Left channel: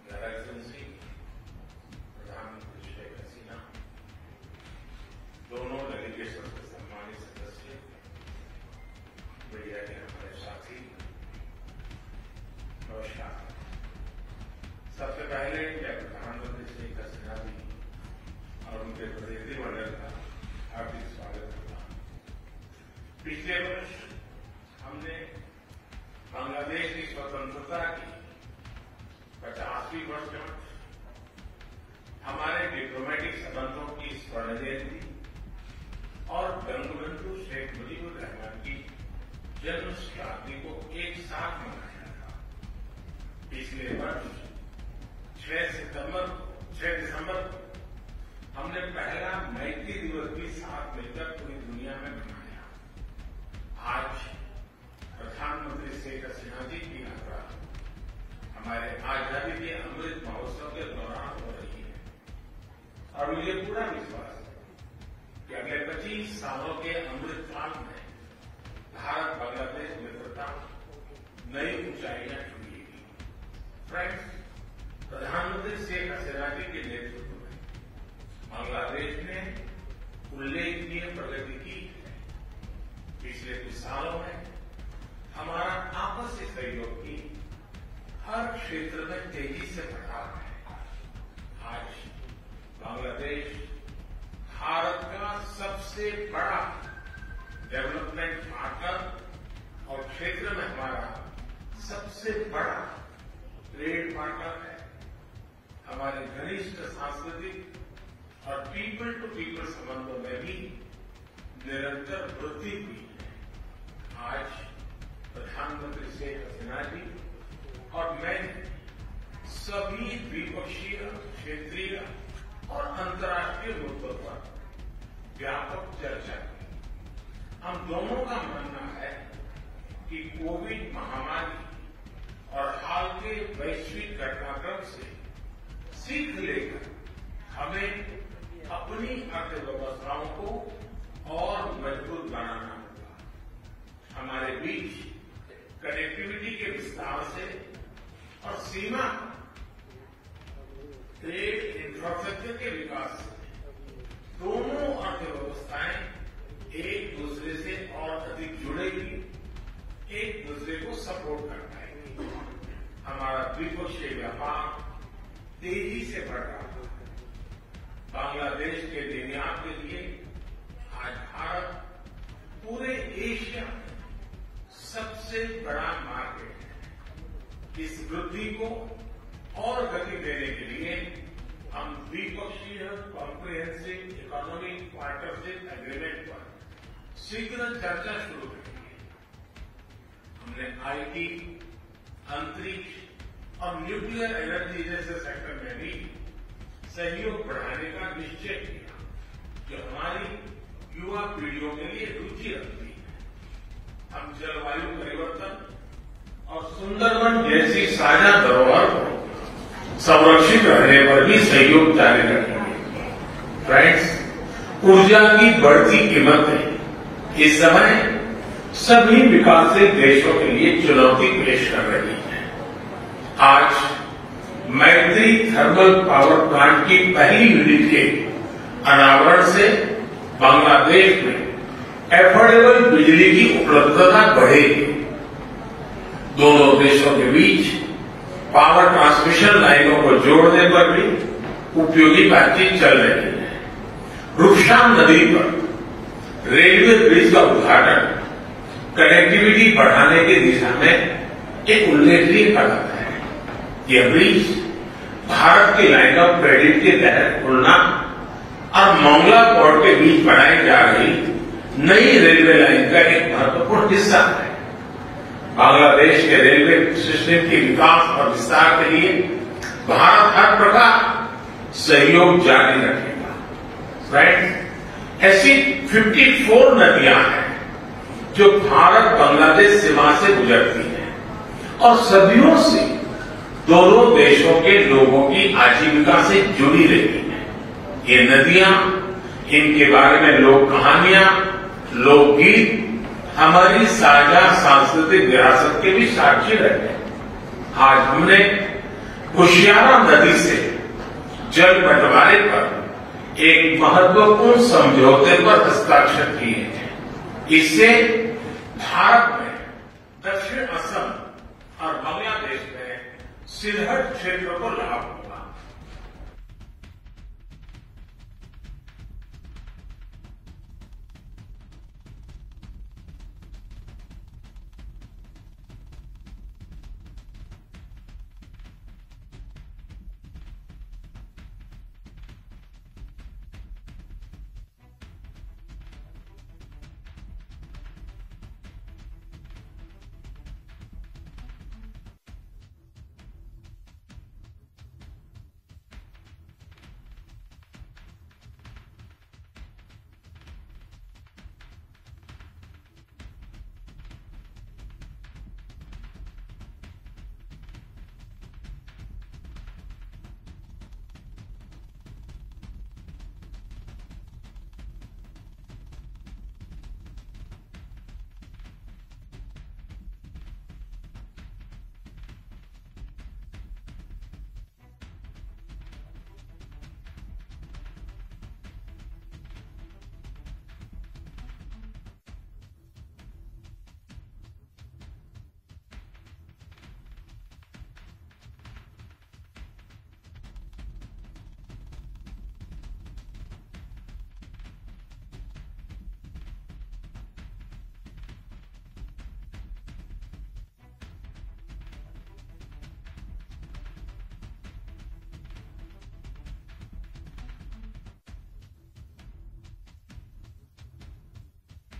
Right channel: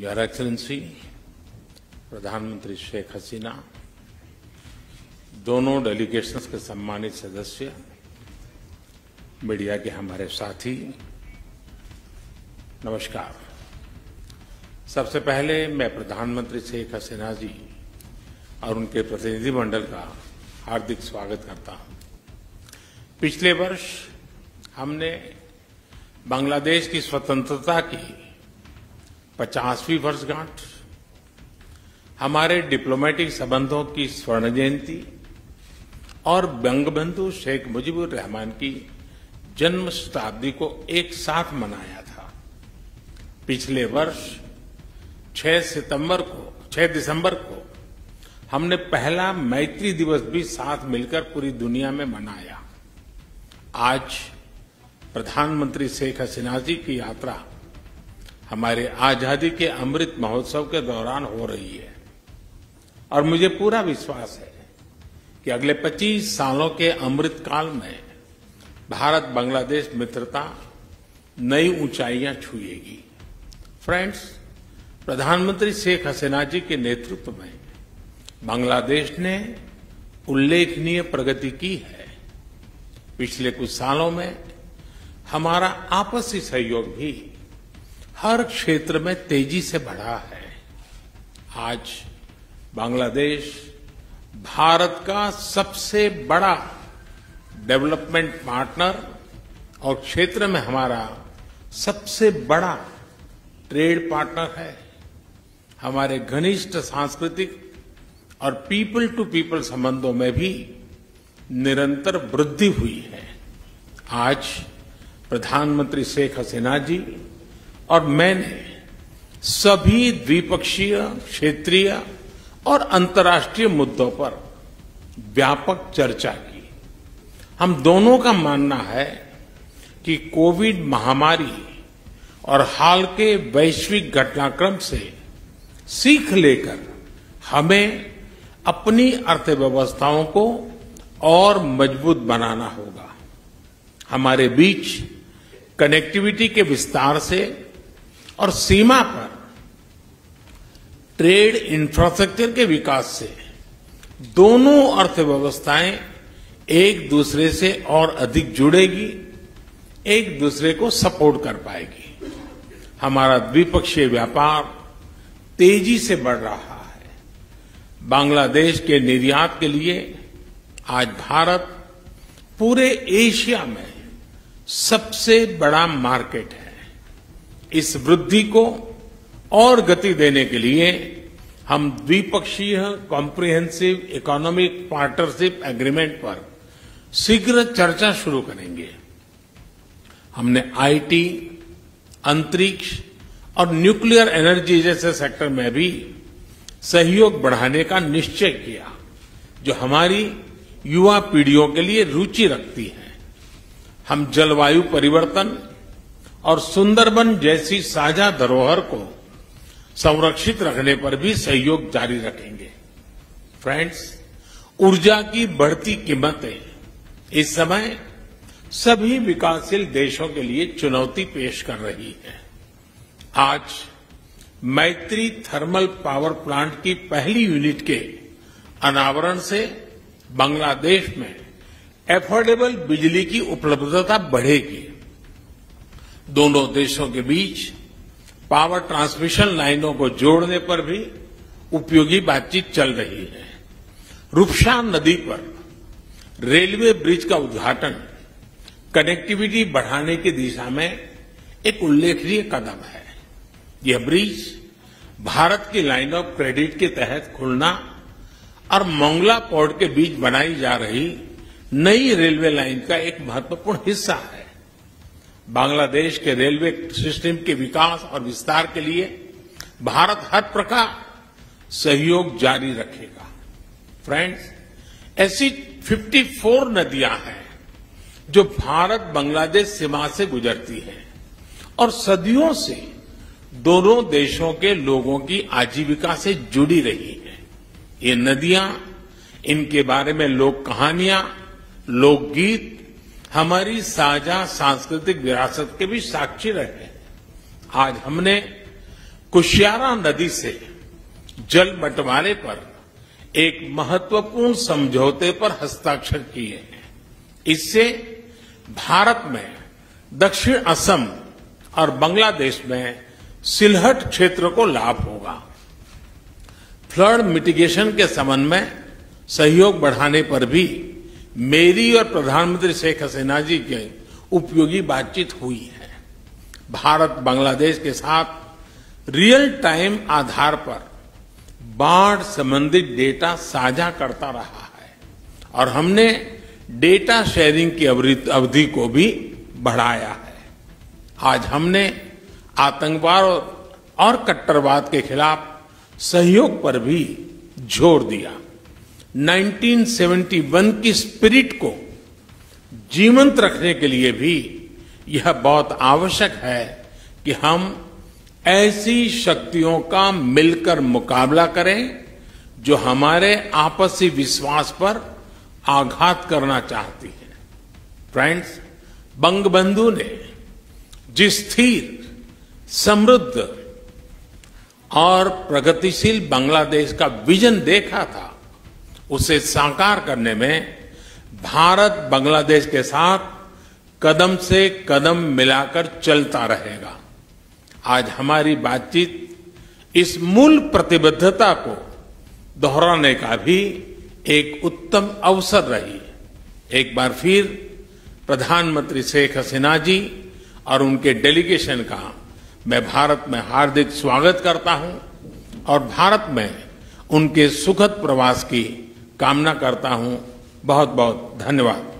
Your excellency प्रधानमंत्री शेख हसीना, दोनों delegations के सम्मानित सदस्य, मीडिया के हमारे साथी, नमस्कार। सबसे पहले मैं प्रधानमंत्री शेख हसीना जी और उनके प्रतिनिधिमंडल का हार्दिक स्वागत करता हूं। पिछले वर्ष हमने बांग्लादेश की स्वतंत्रता की 50वीं वर्षगांठ, हमारे डिप्लोमेटिक संबंधों की स्वर्ण जयंती और बंगबंधु शेख मुजीबुर रहमान की जन्म शताब्दी को एक साथ मनाया था। पिछले वर्ष 6 दिसंबर को हमने पहला मैत्री दिवस भी साथ मिलकर पूरी दुनिया में मनाया। आज प्रधानमंत्री शेख हसीना जी की यात्रा हमारे आजादी के अमृत महोत्सव के दौरान हो रही है और मुझे पूरा विश्वास है कि अगले 25 सालों के अमृत काल में भारत बांग्लादेश मित्रता नई ऊंचाइयां छुएगी। फ्रेंड्स, प्रधानमंत्री शेख हसीना जी के नेतृत्व में बांग्लादेश ने उल्लेखनीय प्रगति की है। पिछले कुछ सालों में हमारा आपसी सहयोग भी हर क्षेत्र में तेजी से बढ़ा है। आज बांग्लादेश भारत का सबसे बड़ा डेवलपमेंट पार्टनर और क्षेत्र में हमारा सबसे बड़ा ट्रेड पार्टनर है। हमारे घनिष्ठ सांस्कृतिक और पीपल टू पीपल संबंधों में भी निरंतर वृद्धि हुई है। आज प्रधानमंत्री शेख हसीना जी और मैंने सभी द्विपक्षीय, क्षेत्रीय और अंतर्राष्ट्रीय मुद्दों पर व्यापक चर्चा की। हम दोनों का मानना है कि कोविड महामारी और हाल के वैश्विक घटनाक्रम से सीख लेकर हमें अपनी अर्थव्यवस्थाओं को और मजबूत बनाना होगा। हमारे बीच कनेक्टिविटी के विस्तार से और सीमा पर ट्रेड इंफ्रास्ट्रक्चर के विकास से दोनों अर्थव्यवस्थाएं एक दूसरे से और अधिक जुड़ेगी, एक दूसरे को सपोर्ट कर पाएगी। हमारा द्विपक्षीय व्यापार तेजी से बढ़ रहा है। बांग्लादेश के निर्यात के लिए आज भारत पूरे एशिया में सबसे बड़ा मार्केट है। इस वृद्धि को और गति देने के लिए हम द्विपक्षीय कॉम्प्रिहेंसिव इकोनॉमिक पार्टनरशिप एग्रीमेंट पर शीघ्र चर्चा शुरू करेंगे। हमने आईटी, अंतरिक्ष और न्यूक्लियर एनर्जी जैसे सेक्टर में भी सहयोग बढ़ाने का निश्चय किया, जो हमारी युवा पीढ़ियों के लिए रुचि रखती है। हम जलवायु परिवर्तन और सुंदरबन जैसी साझा धरोहर को संरक्षित करने पर भी सहयोग जारी रखेंगे। फ्रेंड्स, ऊर्जा की बढ़ती कीमतें इस समय सभी विकासशील देशों के लिए चुनौती पेश कर रही है। आज मैत्री थर्मल पावर प्लांट की पहली यूनिट के अनावरण से बांग्लादेश में एफोर्डेबल बिजली की उपलब्धता बढ़ेगी। दोनों देशों के बीच पावर ट्रांसमिशन लाइनों को जोड़ने पर भी उपयोगी बातचीत चल रही है। रूपशाम नदी पर रेलवे ब्रिज का उद्घाटन कनेक्टिविटी बढ़ाने की दिशा में एक उल्लेखनीय कदम है। यह ब्रिज भारत की लाइन ऑफ क्रेडिट के तहत खुलना और मोंगला पोर्ट के बीच बनाई जा रही नई रेलवे लाइन का एक महत्वपूर्ण हिस्सा है। बांग्लादेश के रेलवे सिस्टम के विकास और विस्तार के लिए भारत हर प्रकार सहयोग जारी रखेगा। फ्रेंड्स, ऐसी 54 नदियां हैं जो भारत बांग्लादेश सीमा से गुजरती हैं और सदियों से दोनों देशों के लोगों की आजीविका से जुड़ी रही हैं। ये नदियां, इनके बारे में लोक कहानियां, लोकगीत हमारी साझा सांस्कृतिक विरासत के भी साक्षी रहे। आज हमने कुशियारा नदी से जल बंटवारे पर एक महत्वपूर्ण समझौते पर हस्ताक्षर किए हैं। इससे भारत में दक्षिण असम और बांग्लादेश में सिलहट क्षेत्र को लाभ होगा। फ्लड मिटिगेशन के संबंध में सहयोग बढ़ाने पर भी मेरी और प्रधानमंत्री शेख हसीना जी की उपयोगी बातचीत हुई है। भारत बांग्लादेश के साथ रियल टाइम आधार पर बाढ़ संबंधित डेटा साझा करता रहा है और हमने डेटा शेयरिंग की अवधि को भी बढ़ाया है। आज हमने आतंकवाद और कट्टरवाद के खिलाफ सहयोग पर भी जोर दिया। 1971 की स्पिरिट को जीवंत रखने के लिए भी यह बहुत आवश्यक है कि हम ऐसी शक्तियों का मिलकर मुकाबला करें जो हमारे आपसी विश्वास पर आघात करना चाहती है। फ्रेंड्स, बंगबंधु ने जिस स्थिर, समृद्ध और प्रगतिशील बांग्लादेश का विजन देखा था, उसे साकार करने में भारत बांग्लादेश के साथ कदम से कदम मिलाकर चलता रहेगा। आज हमारी बातचीत इस मूल प्रतिबद्धता को दोहराने का भी एक उत्तम अवसर रही। एक बार फिर प्रधानमंत्री शेख हसीना जी और उनके डेलीगेशन का मैं भारत में हार्दिक स्वागत करता हूं और भारत में उनके सुखद प्रवास की कामना करता हूं। बहुत बहुत धन्यवाद।